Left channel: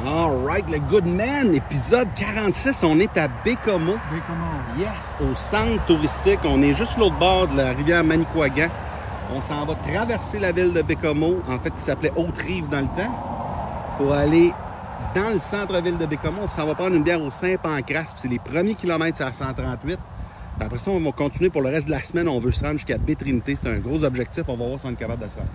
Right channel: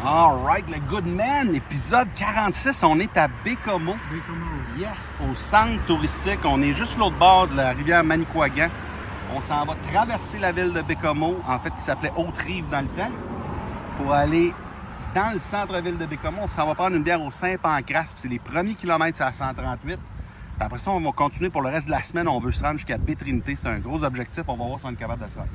Alright, le Goodman, épisode 46, on est à Baie-Comeau. Baie-Comeau. Yes, au centre touristique. On est juste l'autre bord de la rivière Manicouagan. On s'en va traverser la ville de Baie-Comeau, en fait, qui s'appelait Haute-Rive dans le temps, pour aller dans le centre-ville de Baie-Comeau. On s'en va prendre une bière au Saint-Pancras, c'est les premiers kilomètres, c'est à 138. Après ça, on va continuer pour le reste de la semaine. On veut se rendre jusqu'à Baie-Trinité. C'est un gros objectif. On va voir si on est capable de se rendre.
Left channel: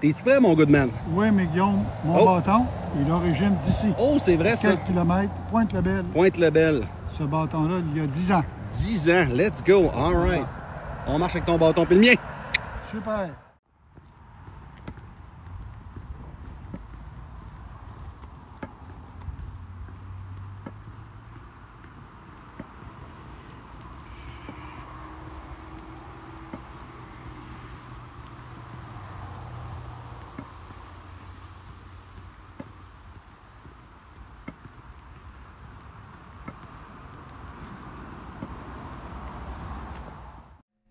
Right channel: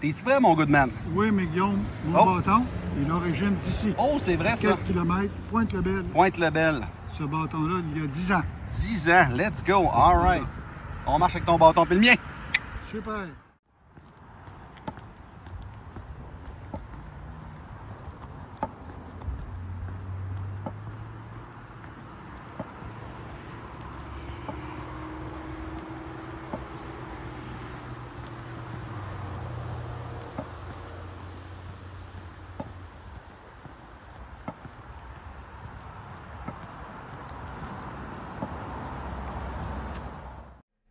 T'es-tu prêt, mon Goodman? Oui, mais Guillaume, mon bâton est d'origine d'ici. Oh, c'est vrai, ça. 4 km, Pointe-le-Bel. Pointe-le-Bel. Ce bâton-là, il y a 10 ans. 10 ans. Let's go. All right. On marche avec ton bâton puis le mien. Super.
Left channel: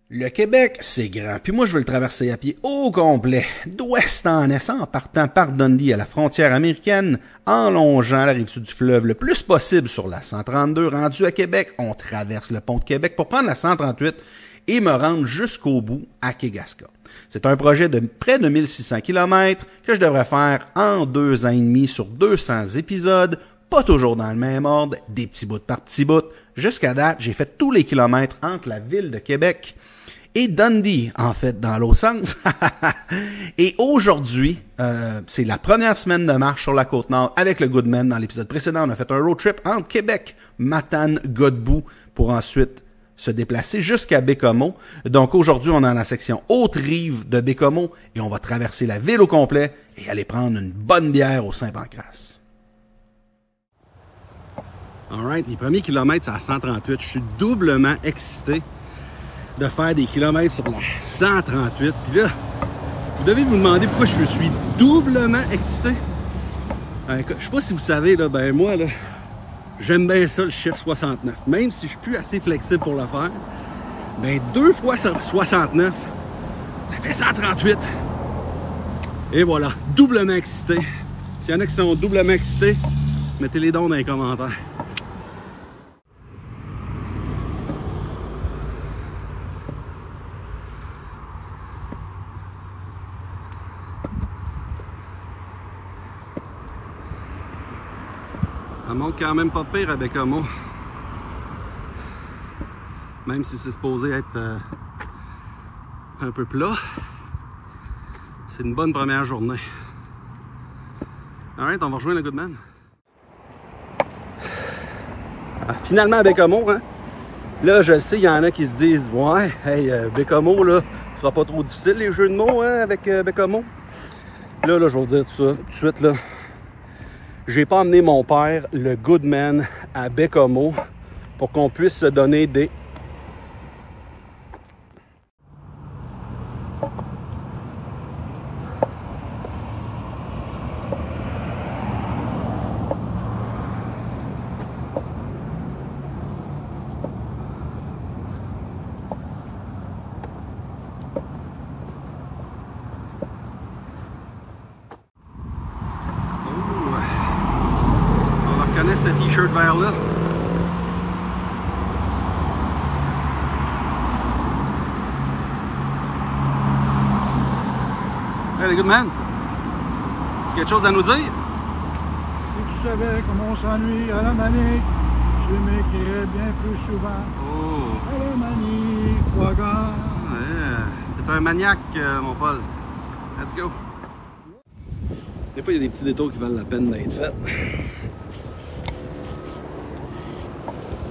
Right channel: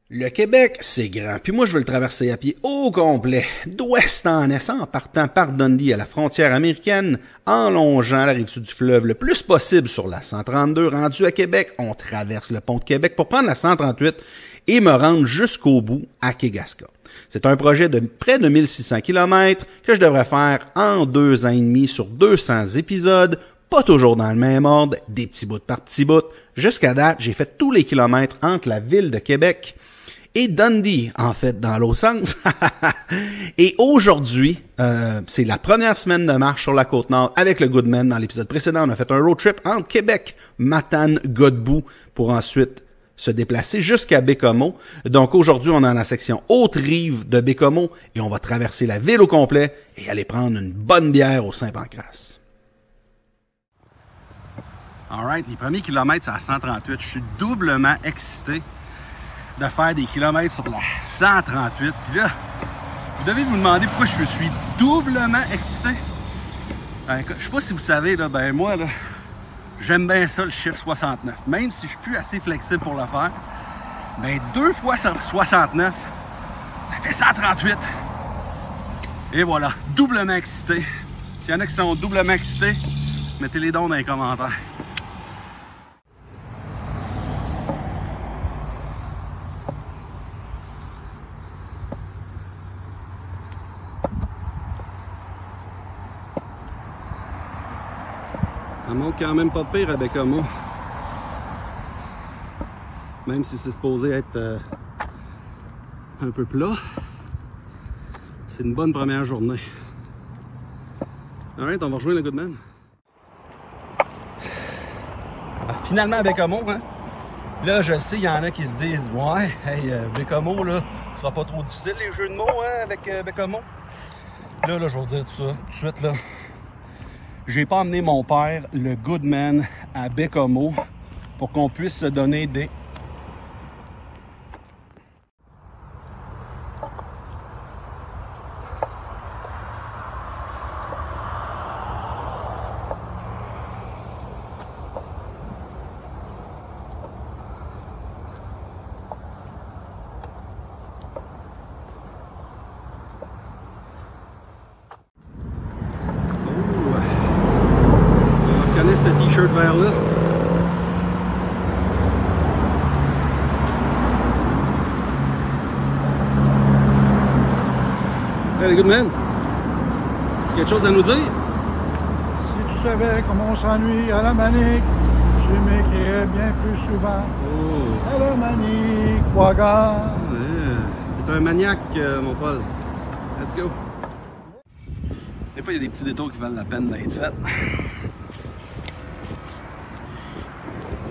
Le Québec, c'est grand, puis moi je veux le traverser à pied au complet, d'ouest en est, en partant par Dundee à la frontière américaine, en longeant la rive sud du fleuve le plus possible sur la 132. Rendu à Québec, on traverse le pont de Québec pour prendre la 138 et me rendre jusqu'au bout à Kegaska. C'est un projet de près de 1600 km que je devrais faire en 2 ans et demi sur 200 épisodes, pas toujours dans le même ordre, des petits bouts par petits bouts. Jusqu'à date, j'ai fait tous les kilomètres entre la ville de Québec et Dundee, en fait, dans l'autre sens. Et aujourd'hui, c'est la première semaine de marche sur la Côte-Nord avec le Goodman. Dans l'épisode précédent, on a fait un road trip entre Québec, Matane, Godbout, pour ensuite se déplacer jusqu'à Baie-Comeau. Donc aujourd'hui, on est dans la section Haute-Rive de Baie-Comeau et on va traverser la ville au complet et aller prendre une bonne bière au Saint-Pancras. Alright, les premiers kilomètres, c'est à 138. Je suis doublement excité de faire des kilomètres sur la 138. Puis là, vous devez vous demander pourquoi je suis doublement excité. Je sais pas si vous savez, là, ben moi, là, j'aime bien ça, le chiffre 69. Même si je suis plus assez flexible pour le faire, ben 2 fois 69, ça fait 138. Et voilà, doublement excité. S'il y en a qui sont doublement excités, mettez les dons dans les commentaires. Ça monte quand même pas pire à Baie-Comeau. Même si c'est supposé être un peu plat. C'est une bonne première journée. Alright, on va rejoindre le Goodman. Finalement à Baie-Comeau, hein? Là, je sais, il y en a qui se disent ouais, hey, Baie-Comeau, là, ce sera pas trop difficile les jeux de mots hein, avec Baie-Comeau. Là, je vais vous dire tout ça tout de suite là. J'ai pas amené mon père, le Goodman, à Baie-Comeau pour qu'on puisse se donner des... ce t-shirt vert là. Hey, Goodman, tu as quelque chose à nous dire? Si tu savais comment on s'ennuie à la Manique, tu m'écrirais bien plus souvent. Oh! À la Manicouagan. Ouais, t'es un maniaque, mon Paul. Let's go! Des fois, il y a des petits détours qui valent la peine d'être faits.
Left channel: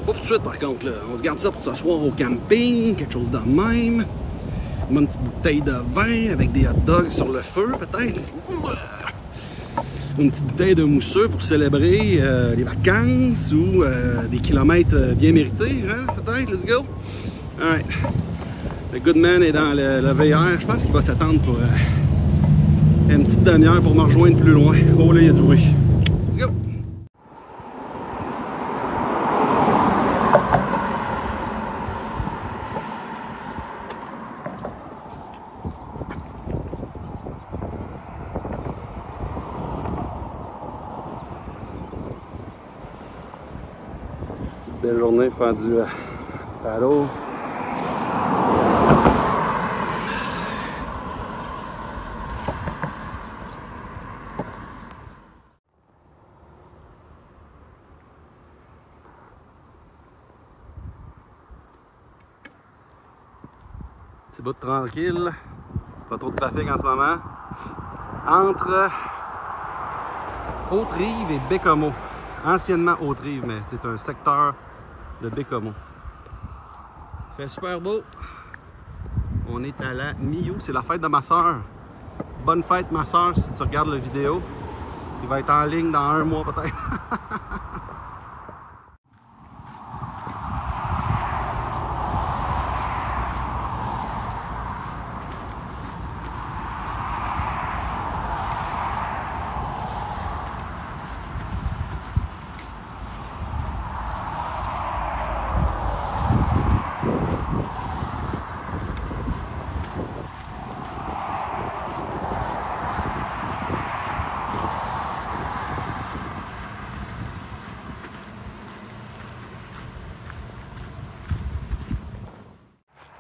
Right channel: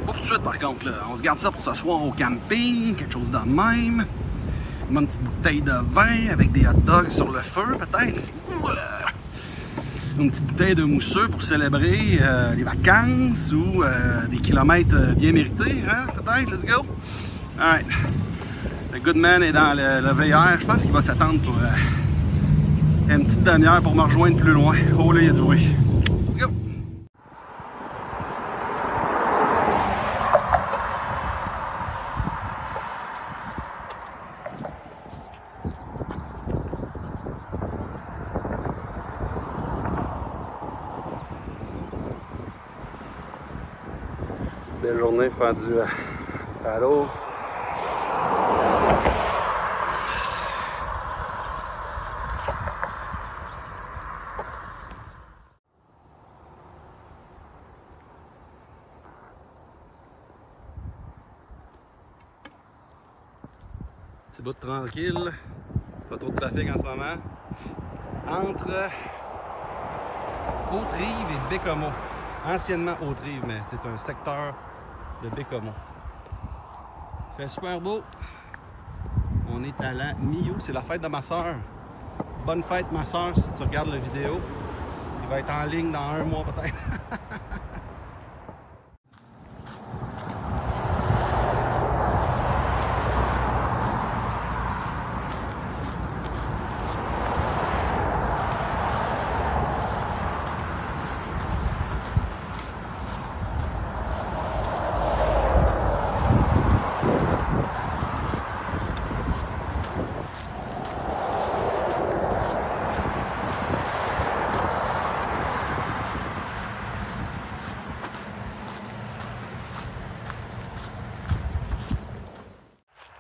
Pas tout de suite par contre, là. On se garde ça pour s'asseoir au camping, quelque chose de même. Une bonne petite bouteille de vin avec des hot dogs sur le feu, peut-être. Une petite bouteille de mousseux pour célébrer les vacances ou des kilomètres bien mérités, hein, peut-être. Let's go! Alright. Le Goodman est dans le VR. Je pense qu'il va s'attendre pour une petite demi-heure pour me rejoindre plus loin. Oh là, il y a du bruit. Let's go! belle journée pour faire du paddle. Petit bout de tranquille, pas trop de trafic en ce moment, entre Haute-Rive et Bécomo. Anciennement Haute-Rive, mais c'est un secteur de Bécomo. Il fait super beau. On est à la Mio, c'est la fête de ma soeur. Bonne fête ma soeur si tu regardes la vidéo. Il va être en ligne dans 1 mois peut-être.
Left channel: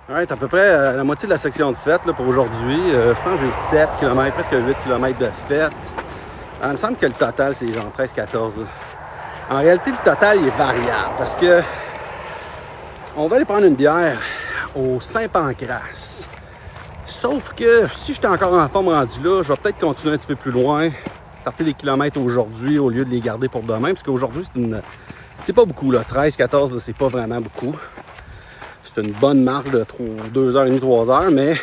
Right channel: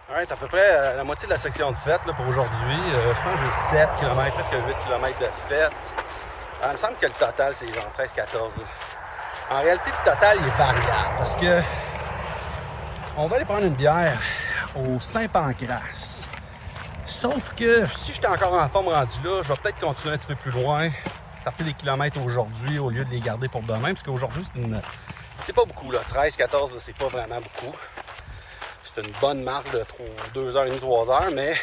Ouais, à peu près la moitié de la section de fête là, pour aujourd'hui. Je pense que j'ai 7 km, presque 8 km de fête. Il me semble que le total, c'est genre 13-14. En réalité, le total il est variable parce que on va aller prendre une bière au Saint-Pancras. Sauf que si j'étais encore en forme rendu là, je vais peut-être continuer un petit peu plus loin, starter des kilomètres aujourd'hui au lieu de les garder pour demain. Parce qu'aujourd'hui, c'est pas beaucoup, là. 13-14, c'est pas vraiment beaucoup. C'est une bonne marque de 2h30, 3h, mais il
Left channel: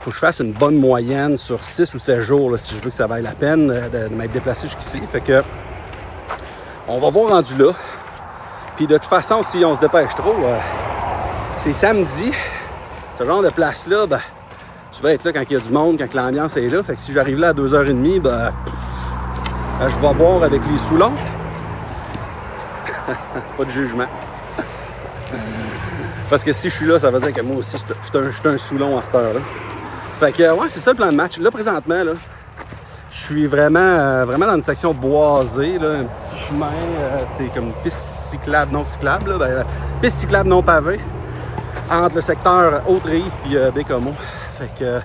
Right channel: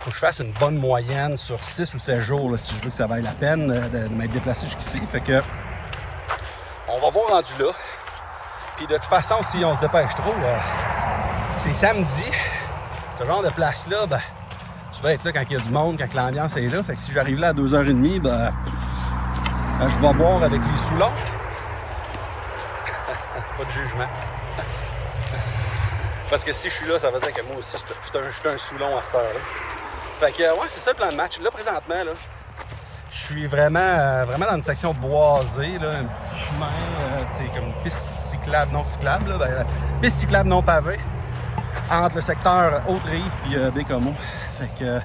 faut que je fasse une bonne moyenne sur 6 ou 7 jours là, si je veux que ça vaille la peine de m'être déplacé jusqu'ici. Fait que on va voir rendu là. Puis de toute façon, si on se dépêche trop, c'est samedi. Ce genre de place-là, ben, tu vas être là quand il y a du monde, quand l'ambiance est là. Fait que si j'arrive là à 2h30, ben, je vais boire avec les Soulons. Pas de jugement. Parce que si je suis là, ça veut dire que moi aussi, je suis un Soulon à cette heure-là. Fait que, ouais, c'est ça le plan de match. Là, présentement, là, je suis vraiment dans une section boisée, là, un petit chemin, c'est comme une piste cyclable, non cyclable, là, ben, piste cyclable non pavée, entre le secteur Haute-Rive et Bécomo. Fait que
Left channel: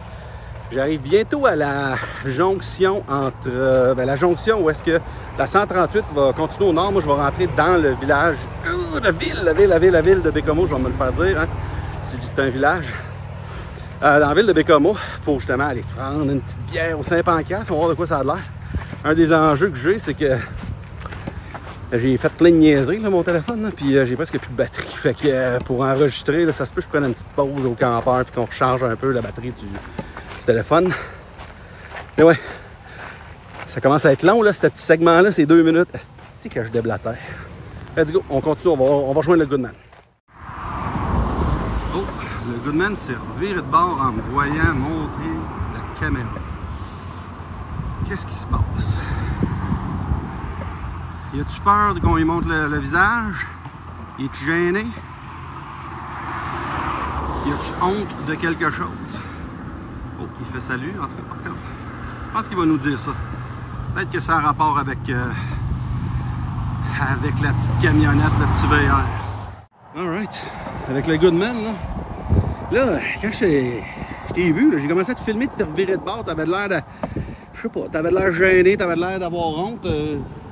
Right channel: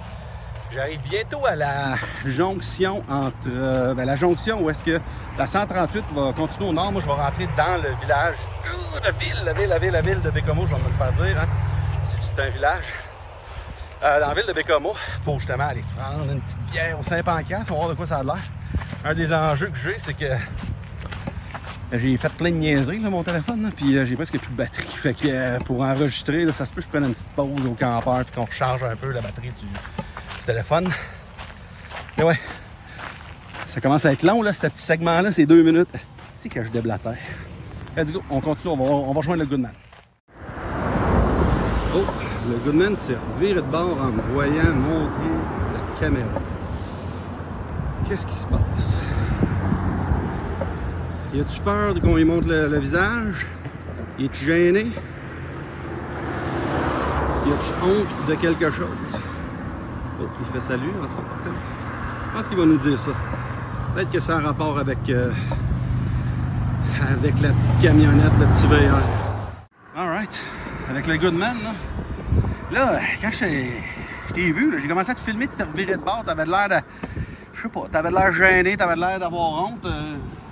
j'arrive bientôt à la jonction entre, la jonction où est-ce que la 138 va continuer au nord. Moi, je vais rentrer dans le village, la ville de Bécomo, je vais me le faire dire, hein, si c'est un village. Dans la ville de Bécomo, pour justement aller prendre une petite bière au Saint-Pancras, on va voir de quoi ça a l'air. Un des enjeux que j'ai, c'est que j'ai fait plein de niaiseries là, mon téléphone, là, puis j'ai presque plus de batterie. Fait que pour enregistrer, là, ça se peut que je prenne une petite pause au campeur puis qu'on recharge un peu la batterie du téléphone. Mais ouais, ça commence à être long, là, ce petit segment-là, c'est 2 minutes. C'est que je déblatère. Let's go, on continue, on va rejoindre le Goodman. Oh, le Goodman s'est reviré de bord en me voyant montrer la caméra. Qu'est-ce qui se passe? Y a-tu peur qu'on lui montre le visage? Y es-tu gêné? Y a-tu honte de quelque chose? Oh, il fait salut, en tout cas, par contre. Je pense qu'il va nous dire ça. Peut-être que ça a un rapport avec la petite camionnette, le petit VR. Alright, avec le Goodman, là, quand je t'ai vu, j'ai commencé à te filmer, tu t'es reviré de bord, t'avais l'air de... Je sais pas, t'avais l'air gêné, t'avais l'air d'avoir honte.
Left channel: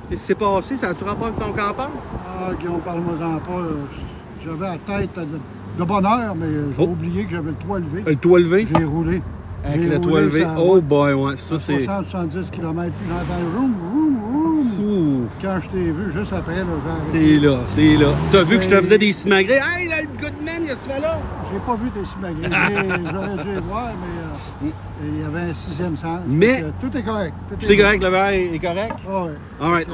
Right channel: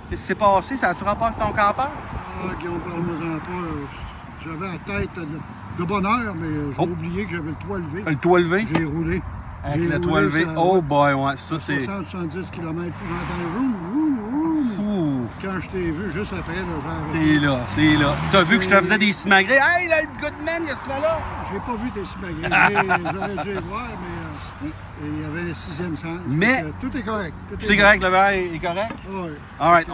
Qu'est-ce qui s'est passé? Ça a-tu rapport avec ton campeur? Ah, Guillaume, parle-moi-en pas. J'avais la tête de bonne heure, mais j'ai oublié que j'avais le toit levé. Le toit levé? J'ai roulé. Avec le toit levé. Oh boy, ouais, ça c'est... 70 km, puis j'entends roum, roum, roum. Quand je t'ai vu, juste après, là, c'est là, c'est là. T'as vu que je te faisais des simagrées? Hey, là, le Goodman, il y a ce là. J'ai pas vu des simagrées. J'aurais dû les voir, mais il y avait un 6e sens. Mais tout est correct. Tout est correct, le verre est correct? Oui. Alright,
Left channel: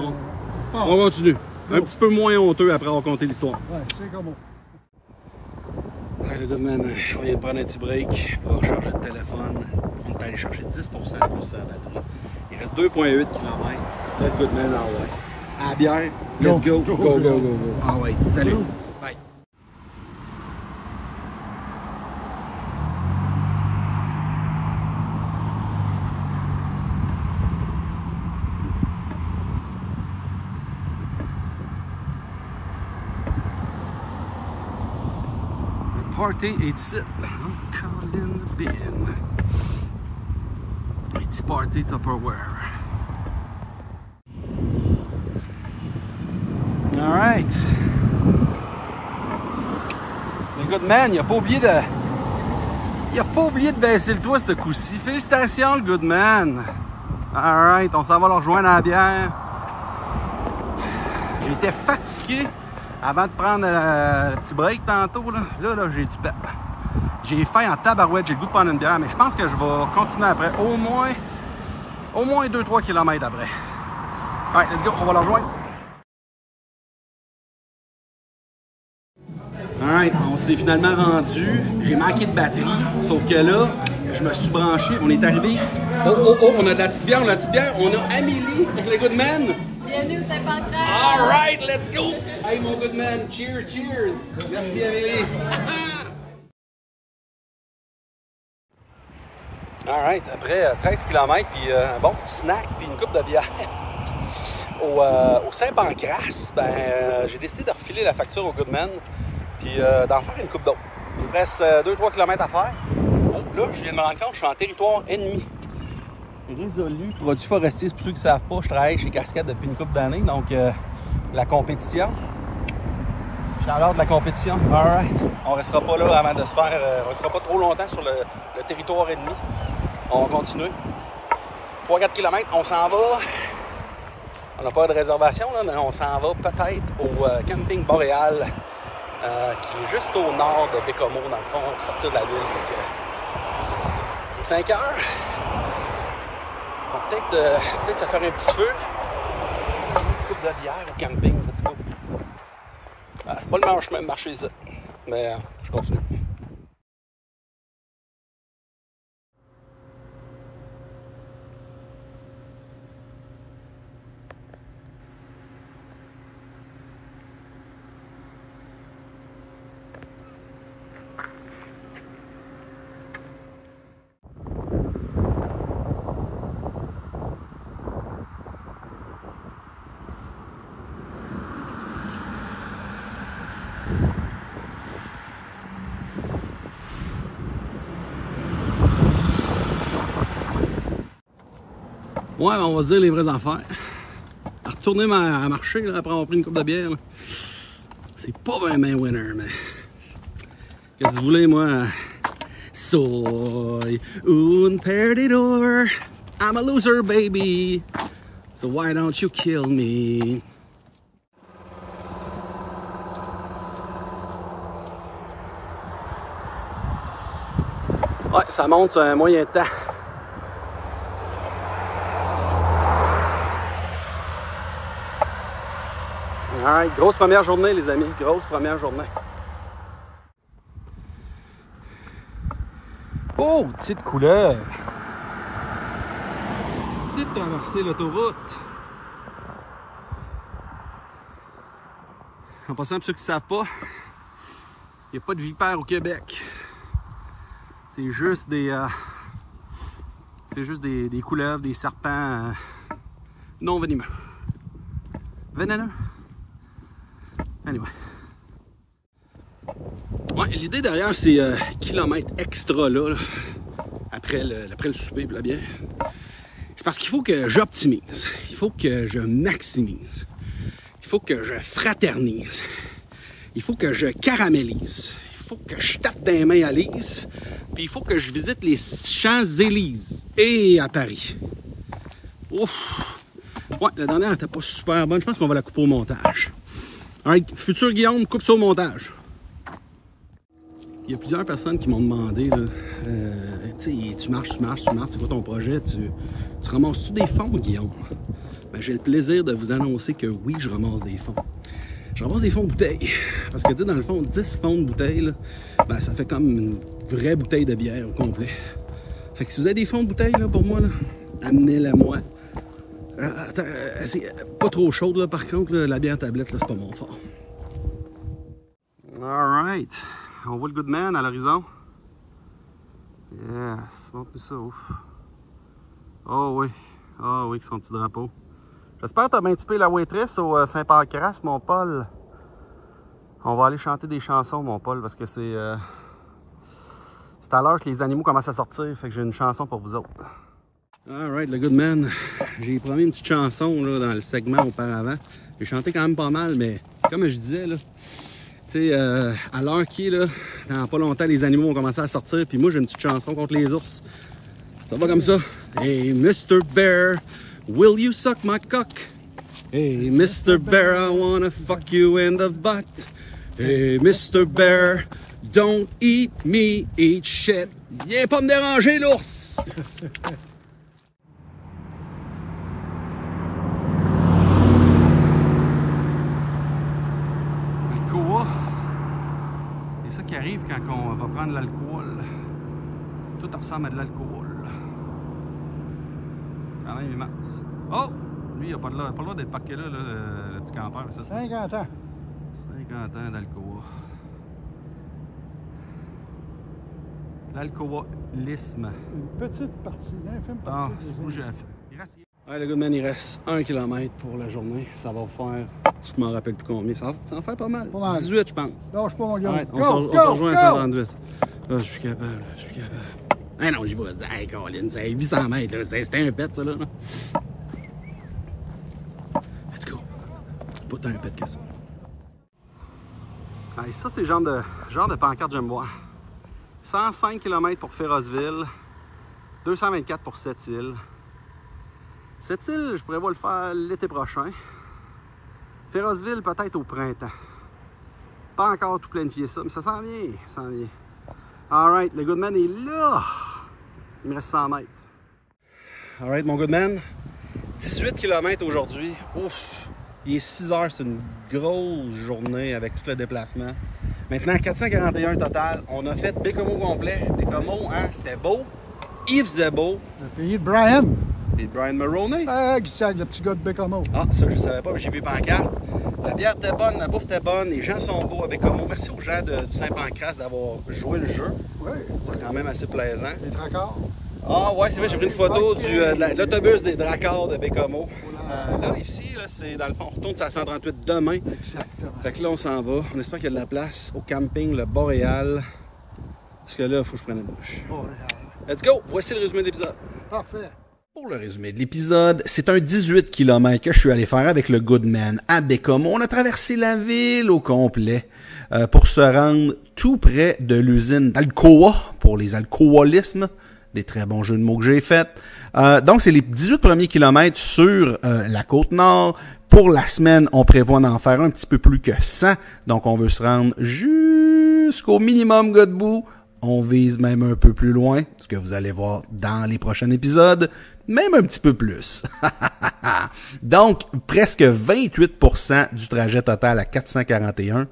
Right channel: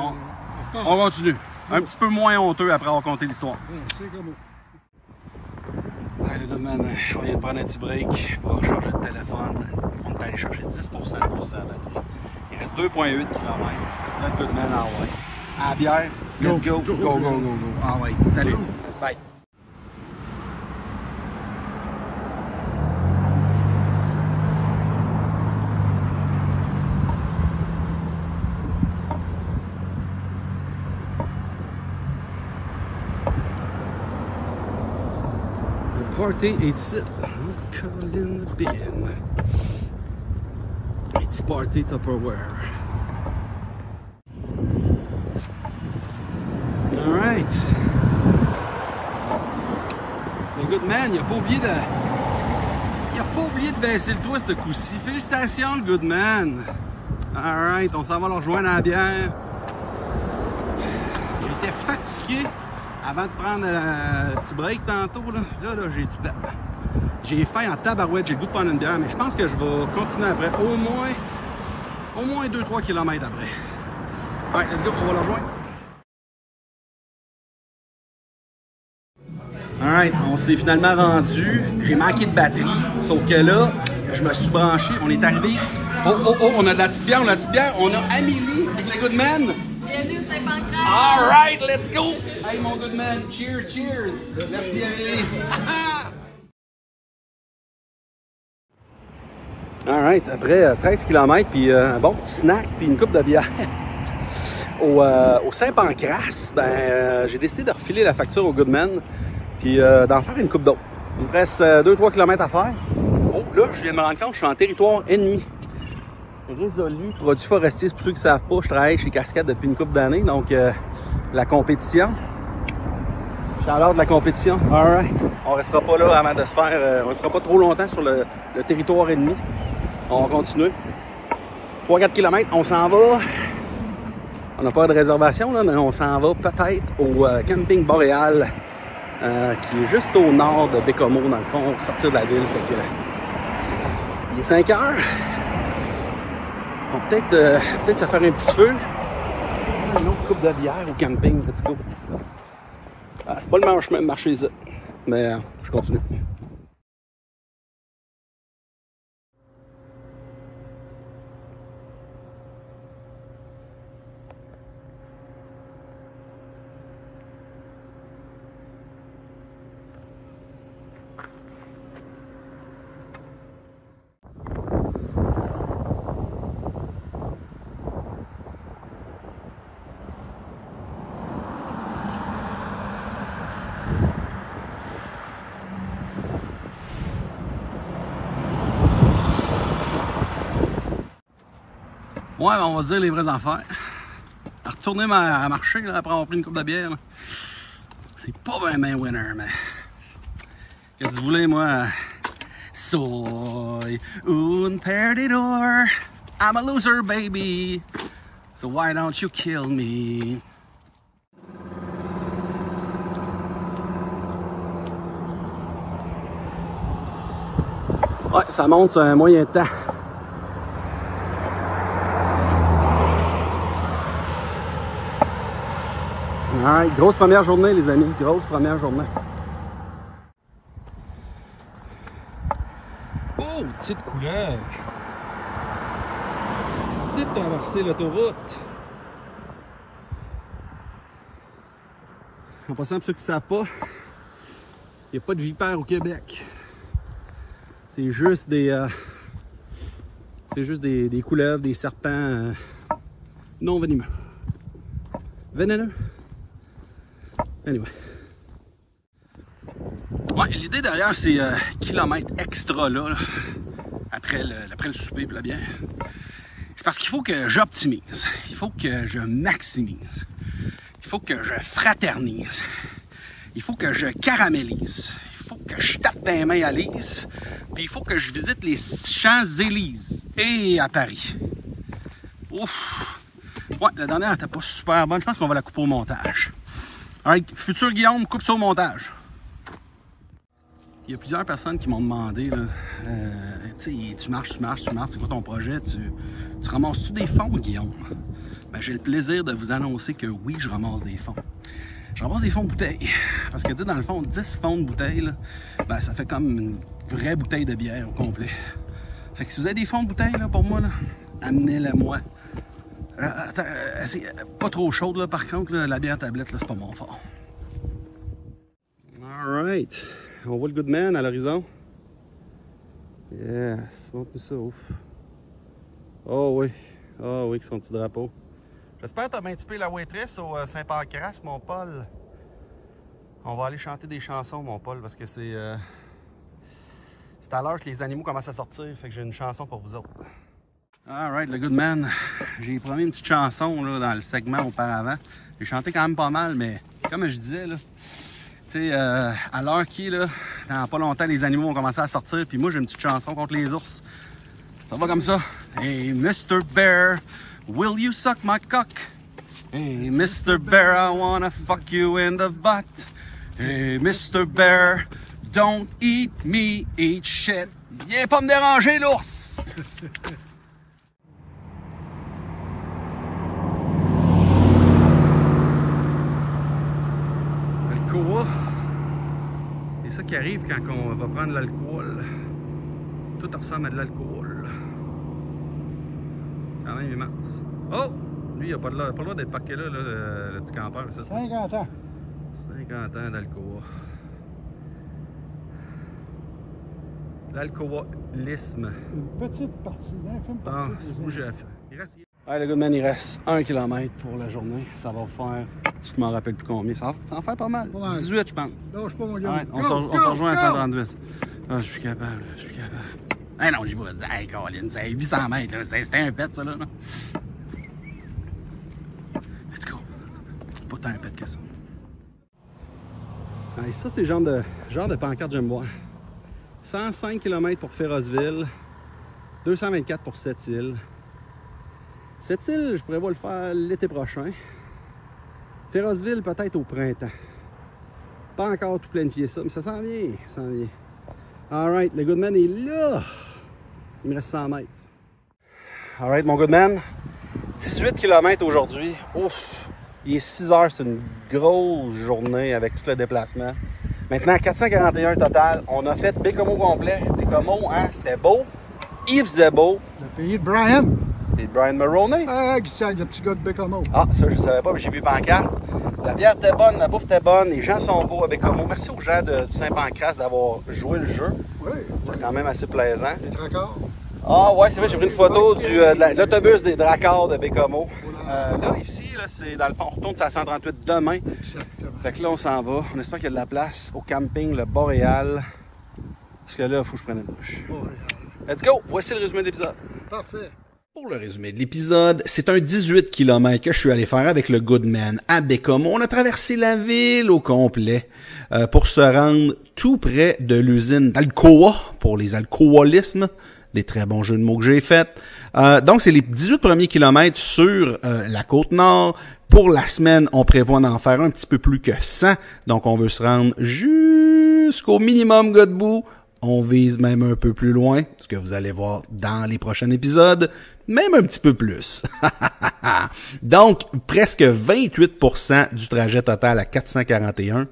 on continue. Un petit peu moins honteux après avoir compté l'histoire. Ouais, c'est comme Ouais, le Goodman, on vient de prendre un petit break pour recharger le téléphone. On est allé chercher 10% de plus à la batterie. Il reste 2,8 km. Le Goodman en ouais. À la bière, let's go. Go. Ah ouais, salut. Bye. party est ici. Encore in the bin. It's party Tupperware. Alright. Le good man, il a pas oublié de... Il a pas oublié de baisser le toit ce coup-ci. Félicitations le good man. Alright, on s'en va le rejoindre à la bière. J'étais fatigué avant de prendre le petit break tantôt. Là, j'ai du pep. J'ai faim en tabarouette, j'ai le goût de prendre une bière, mais je pense que je vais continuer après. Au moins 2-3 km après. Alright, let's go, on va le rejoindre. Alright, on s'est finalement rendu. J'ai manqué de batterie, sauf que là, je me suis branché. On est arrivé. Oh, on a de la petite bière, on a Amélie avec le good man. Bienvenue au Saint-Pancras. Alright, let's go. Hey, mon good man, cheers. Merci, Amélie. Alright, après 13 km, puis un bon petit snack, puis une coupe de bière. Au Saint-Pancras, j'ai décidé de refiler la facture au Goodman, puis d'en faire une coupe d'eau. Il me reste 2-3 km à faire. Oh, là, je viens de me rendre compte, je suis en territoire ennemi. Résolu, produit forestier, pour ceux qui ne savent pas, je travaille chez Cascade depuis une couple d'années, donc la compétition. Chaleur de la compétition, alright. On ne restera pas là avant de se faire, on ne restera pas trop longtemps sur le territoire ennemi. On va continuer. 3-4 km, on s'en va. On n'a pas de réservation, là, mais on s'en va peut-être au camping Boréal, qui est juste au nord de Bécomo, dans le fond, pour sortir de la ville. Fait que, il est 5 heures. On va peut-être se faire un petit feu. Une autre coupe de bière au camping, petit coup. Ah, c'est pas le chemin de marcher ici, mais je continue. Ouais, on va se dire les vraies affaires. À retourner à marcher là, après avoir pris une coupe de bière, c'est pas bien winner, mais qu'est-ce que vous voulez, moi? Soy un perdedor. I'm a loser, baby. So why don't you kill me? Ouais, ça monte sur un moyen temps. Grosse première journée, les amis. Grosse première journée. Oh, petite couleur. Petite idée de traverser l'autoroute. En passant, pour ceux qui ne savent pas, il n'y a pas de vipères au Québec. C'est juste des couleuvres, des serpents non venimeux. Vénéneux. Anyway. Ouais, l'idée derrière ces kilomètres extra là, après le souper et la bière, c'est parce qu'il faut que j'optimise, il faut que je maximise, il faut que je fraternise, il faut que je caramélise, il faut que je tape des mains à Lise, puis il faut que je visite les Champs-Élysées et à Paris. Ouf! Ouais, la dernière n'était pas super bonne, je pense qu'on va la couper au montage. Alright, futur Guillaume, coupe ça au montage. Il y a plusieurs personnes qui m'ont demandé, tu marches, c'est quoi ton projet? Tu ramasses-tu des fonds, Guillaume? Ben, j'ai le plaisir de vous annoncer que oui, je ramasse des fonds. Je ramasse des fonds de bouteilles. Parce que, dans le fond, 10 fonds de bouteilles, là, ben, ça fait comme une vraie bouteille de bière au complet. Fait que si vous avez des fonds de bouteilles là, pour moi, amenez-les-moi. C'est pas trop chaude, là, par contre, là, la bière tablette, c'est pas mon fort. Alright. On voit le Goodman à l'horizon. Yes, montre-nous ça, ouf. Oh oui, avec son petit drapeau. J'espère que tu as bien typé la waitress au Saint-Pancras, mon Paul. On va aller chanter des chansons, mon Paul, parce que c'est C'est à l'heure que les animaux commencent à sortir, fait que j'ai une chanson pour vous autres. Alright, le good man. J'ai promis une petite chanson là, dans le segment auparavant. J'ai chanté quand même pas mal, mais comme je disais, là, tu sais, à l'heure qui est, là, dans pas longtemps, les animaux vont commencer à sortir, puis moi j'ai une petite chanson contre les ours. Ça va comme ça. Hey, Mr. Bear, will you suck my cock? Hey, Mr. Bear, I wanna fuck you in the butt. Hey, Mr. Bear, don't eat me, eat shit. Viens pas me déranger, l'ours! Alcoa. C'est ça qui arrive quand on va prendre l'alcool. Tout ressemble à de l'alcool. Quand même immense. Oh! Lui, il n'a pas le droit d'être parqué là, le petit campeur. Ça. 50 ans. 50 ans d'Alcoa. L'alcoolisme. Une petite partie, un film partie. Ah, c'est où j'ai fait. Ouais, le good man, il reste 1 km pour la journée. Ça va faire, je m'en rappelle plus combien. Ça en fait pas mal. 18, je pense. Lâche pas, mon gars. Ouais, on se rejoint à 138. Ah, je suis capable, je suis capable. Ah non, j'y vais. Hey, Colin, c'est 800 mètres. C'était un pet, ça, là. Let's go. Pas tant un pet que ça. Ouais, ça, c'est le genre de pancarte que j'aime voir. 105 km pour Ferrosville. 224 pour Sept-Îles. Sept-Îles, je prévois le faire l'été prochain. Ferrosville, peut-être au printemps. Pas encore tout planifié ça, mais ça s'en vient, ça s'en vient. Alright, le Goodman est là. Il me reste 100 mètres. Alright, mon Goodman. 18 km aujourd'hui. Ouf! Il est 6 heures, c'est une grosse journée avec tout le déplacement. Maintenant, 441 total. On a fait Baie-Comeau complet. Baie-Comeau, hein, c'était beau. Il faisait beau. Le pays de Brian. Et Brian Mulroney. Ah, le petit gars de Baie-Comeau. Ah, ça, je ne savais pas, mais j'ai vu pancarte. La bière était bonne, la bouffe était bonne, les gens sont beaux à Baie-Comeau. Merci aux gens du Saint-Pancras d'avoir joué le jeu. Oui. C'est quand même assez plaisant. Les tracards. Ah ouais, c'est vrai, j'ai pris une photo de l'autobus des Dracards de Baie-Comeau. Là, ici, là, c'est dans le fond, on retourne sur la 138 demain. Exactement. Fait que là, on s'en va. On espère qu'il y a de la place au camping Le Boréal. Parce que là, il faut que je prenne une douche. Boréal. Let's go! Voici le résumé de l'épisode. Parfait. Pour le résumé de l'épisode, c'est un 18 km que je suis allé faire avec le Goodman à Baie-Comeau. On a traversé la ville au complet pour se rendre tout près de l'usine d'Alcoa pour les alcoolismes. Des très bons jeux de mots que j'ai faits. Donc, c'est les 18 premiers kilomètres sur la Côte-Nord. Pour la semaine, on prévoit d'en faire un petit peu plus que 100. Donc, on veut se rendre jusqu'au minimum Godbout. On vise même un peu plus loin, ce que vous allez voir dans les prochains épisodes, même un petit peu plus. Donc, presque 28% du trajet total à 441.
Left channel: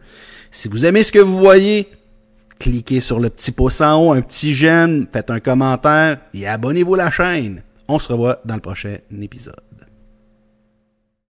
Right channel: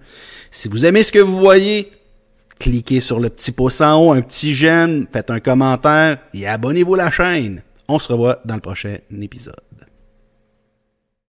Si vous aimez ce que vous voyez, cliquez sur le petit pouce en haut, un petit j'aime, faites un commentaire et abonnez-vous à la chaîne. On se revoit dans le prochain épisode.